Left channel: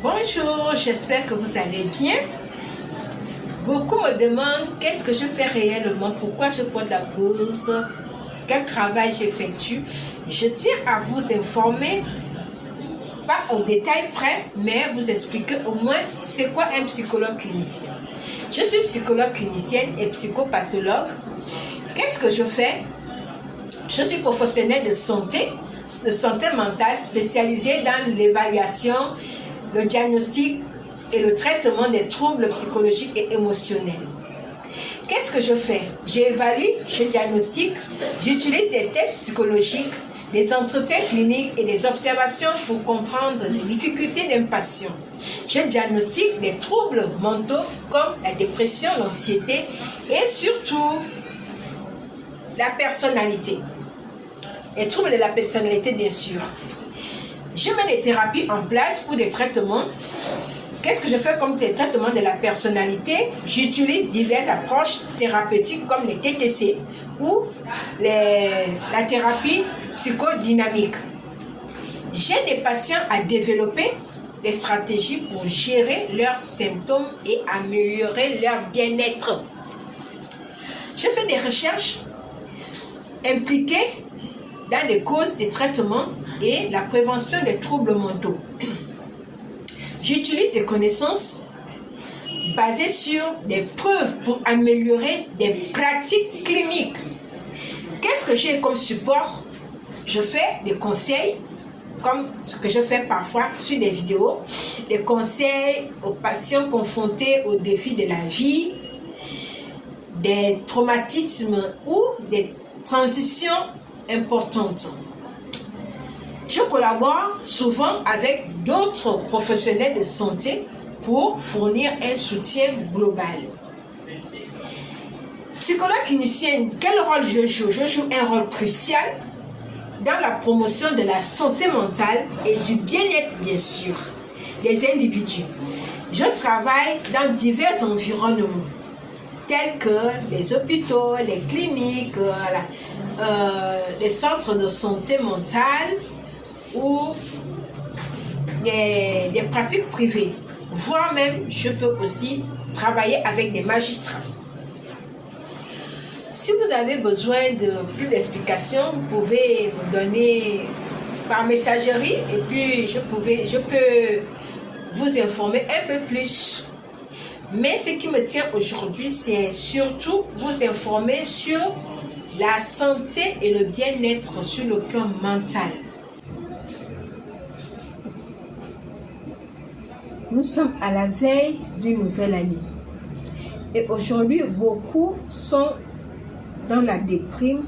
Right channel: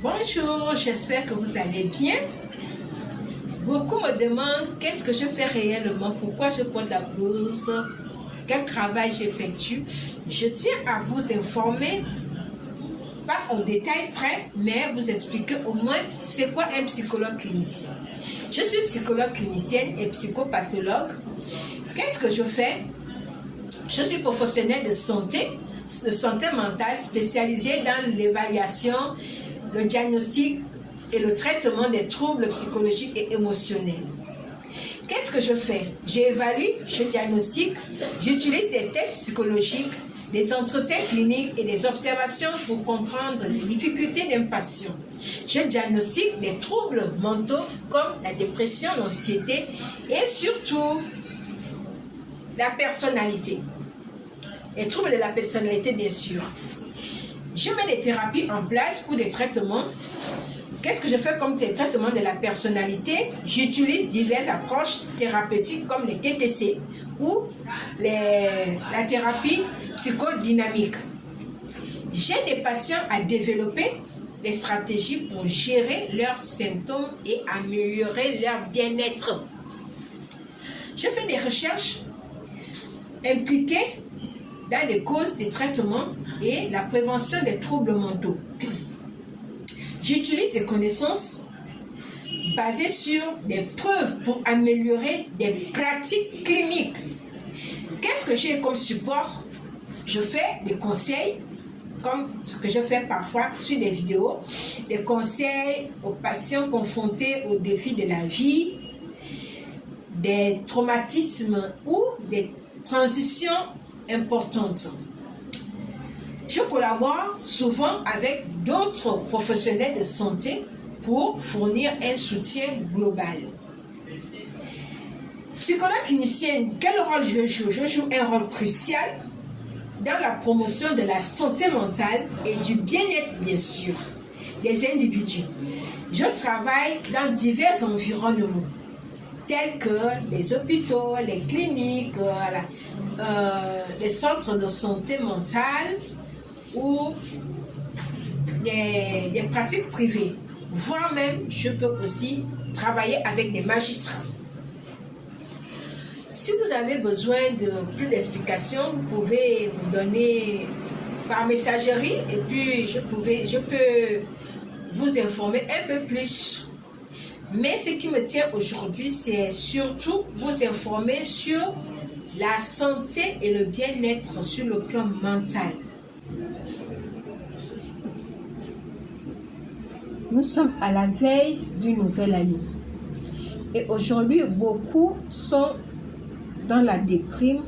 Bonjour, j'espère que vous allez bien. Beaucoup me demandent qu'est-ce que je fais réellement, pourquoi je porte la blouse, quel travail j'effectue. Je tiens à vous informer, pas au détail près, mais vous expliquer au moins c'est quoi un psychologue clinicien. Je suis psychologue clinicienne et psychopathologue. Qu'est-ce que je fais? Je suis professionnelle de santé mentale spécialisée dans l'évaluation, le diagnostic et le traitement des troubles psychologiques et émotionnels. Qu'est-ce que je fais? J'évalue, je diagnostique, j'utilise des tests psychologiques, des entretiens cliniques et des observations pour comprendre les difficultés d'un patient. Je diagnostique des troubles mentaux comme la dépression, l'anxiété et surtout la personnalité. Les troubles de la personnalité, bien sûr. Je mets des thérapies en place pour des traitements. Qu'est-ce que je fais comme des traitements de la personnalité? J'utilise diverses approches thérapeutiques comme les TTC ou la thérapie psychodynamique. J'ai des patients à développer des stratégies pour gérer leurs symptômes et améliorer leur bien-être. Je fais des recherches impliquées dans les causes des traitements et la prévention des troubles mentaux. J'utilise des connaissances basées sur des preuves pour améliorer des pratiques cliniques. Qu'est-ce que j'ai comme support? Je fais des conseils, comme ce que je fais parfois sur des vidéos, des conseils aux patients confrontés aux défis de la vie, des traumatismes ou des transitions importantes. Je collabore souvent avec d'autres professionnels de santé pour fournir un soutien global. Psychologue clinicienne, quel rôle je joue? Je joue un rôle crucial dans la promotion de la santé mentale et du bien-être, bien sûr, des individus. Je travaille dans divers environnements, tels que les hôpitaux, les cliniques, les centres de santé mentale ou des pratiques privées, voire même je peux aussi travailler avec des magistrats. Si vous avez besoin de plus d'explications, vous pouvez me donner par messagerie et puis je peux vous informer un peu plus. Mais ce qui me tient aujourd'hui, c'est surtout vous informer sur la santé et le bien-être sur le plan mental. Nous sommes à la veille d'une nouvelle année. Et aujourd'hui, beaucoup sont dans la déprime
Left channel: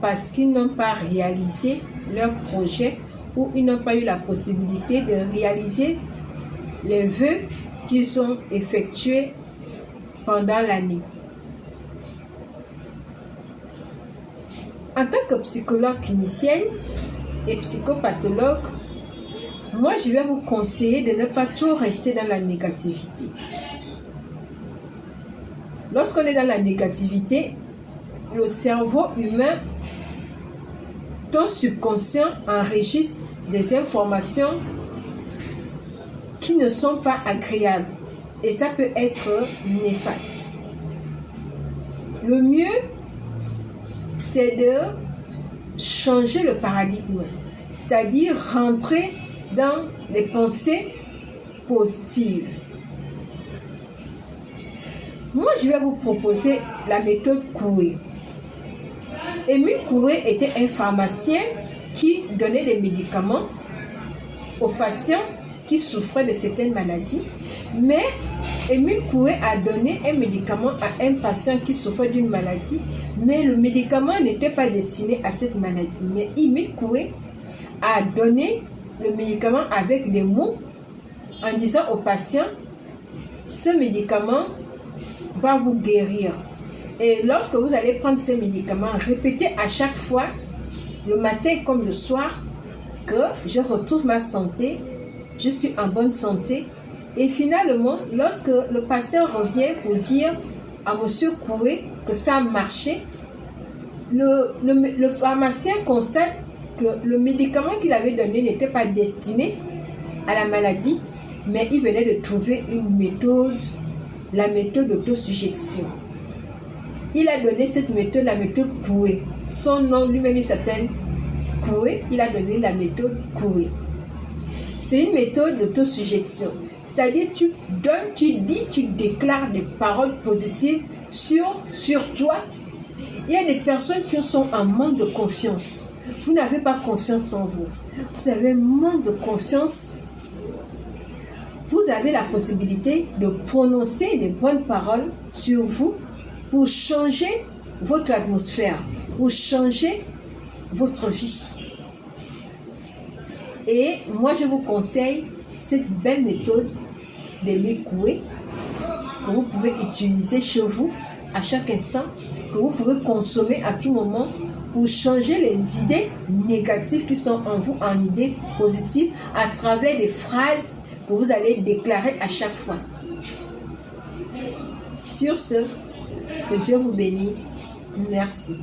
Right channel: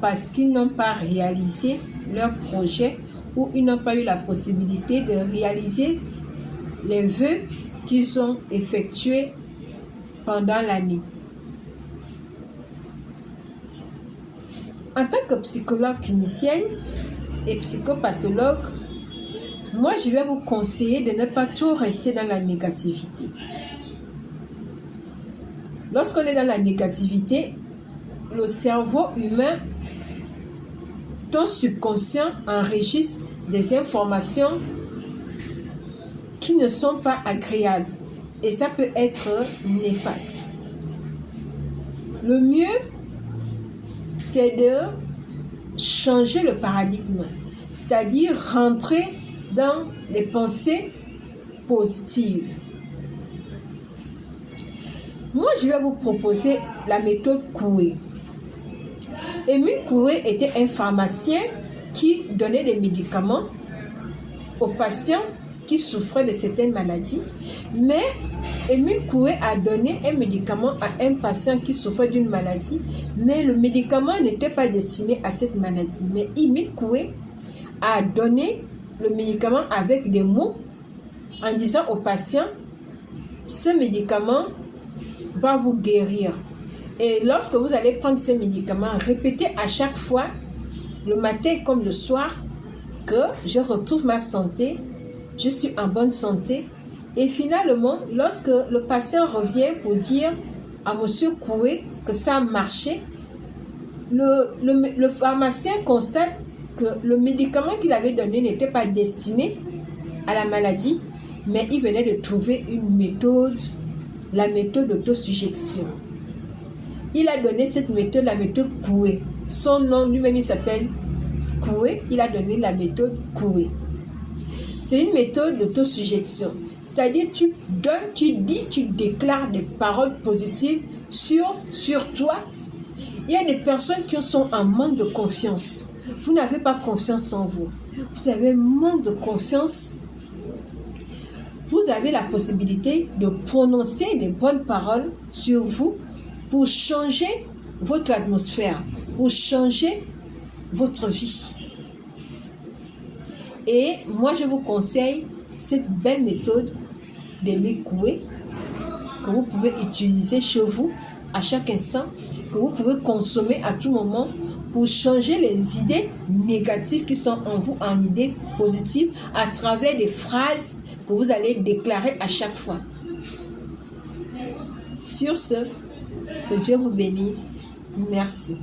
parce qu'ils n'ont pas réalisé leur projet ou ils n'ont pas eu la possibilité de réaliser les vœux qu'ils ont effectués pendant l'année. En tant que psychologue clinicienne et psychopathologue, moi, je vais vous conseiller de ne pas trop rester dans la négativité. Lorsqu'on est dans la négativité, le cerveau humain, ton subconscient enregistre des informations qui ne sont pas agréables et ça peut être néfaste. Le mieux, c'est de changer le paradigme, c'est-à-dire rentrer dans les pensées positives. Moi, je vais vous proposer la méthode Coué. Émile Coué était un pharmacien qui donnait des médicaments aux patients qui souffraient de certaines maladies, mais Émile Coué a donné un médicament à un patient qui souffrait d'une maladie, mais le médicament n'était pas destiné à cette maladie. Mais Émile Coué a donné le médicament avec des mots en disant au patient, ce médicament va vous guérir. Et lorsque vous allez prendre ces médicaments, répétez à chaque fois, le matin comme le soir, que je retrouve ma santé, je suis en bonne santé. Et finalement, lorsque le patient revient pour dire à M. Coué que ça a marché, le pharmacien constate que le médicament qu'il avait donné n'était pas destiné à la maladie, mais il venait de trouver une méthode, la méthode d'autosuggestion. Il a donné cette méthode, la méthode Coué. Son nom lui-même, il s'appelle Coué. Il a donné la méthode Coué. C'est une méthode d'autosuggestion. C'est-à-dire, tu donnes, tu dis, tu déclares des paroles positives sur toi. Il y a des personnes qui sont en manque de confiance. Vous n'avez pas confiance en vous. Vous avez un manque de confiance. Vous avez la possibilité de prononcer des bonnes paroles sur vous pour changer votre atmosphère, pour changer votre vie. Et moi, je vous conseille cette belle méthode d'Aimé Coué que vous pouvez utiliser chez vous à chaque instant, que vous pouvez consommer à tout moment pour changer les idées négatives qui sont en vous en idées positives à travers des phrases que vous allez déclarer à chaque fois. Sur ce, que Dieu vous bénisse. Merci.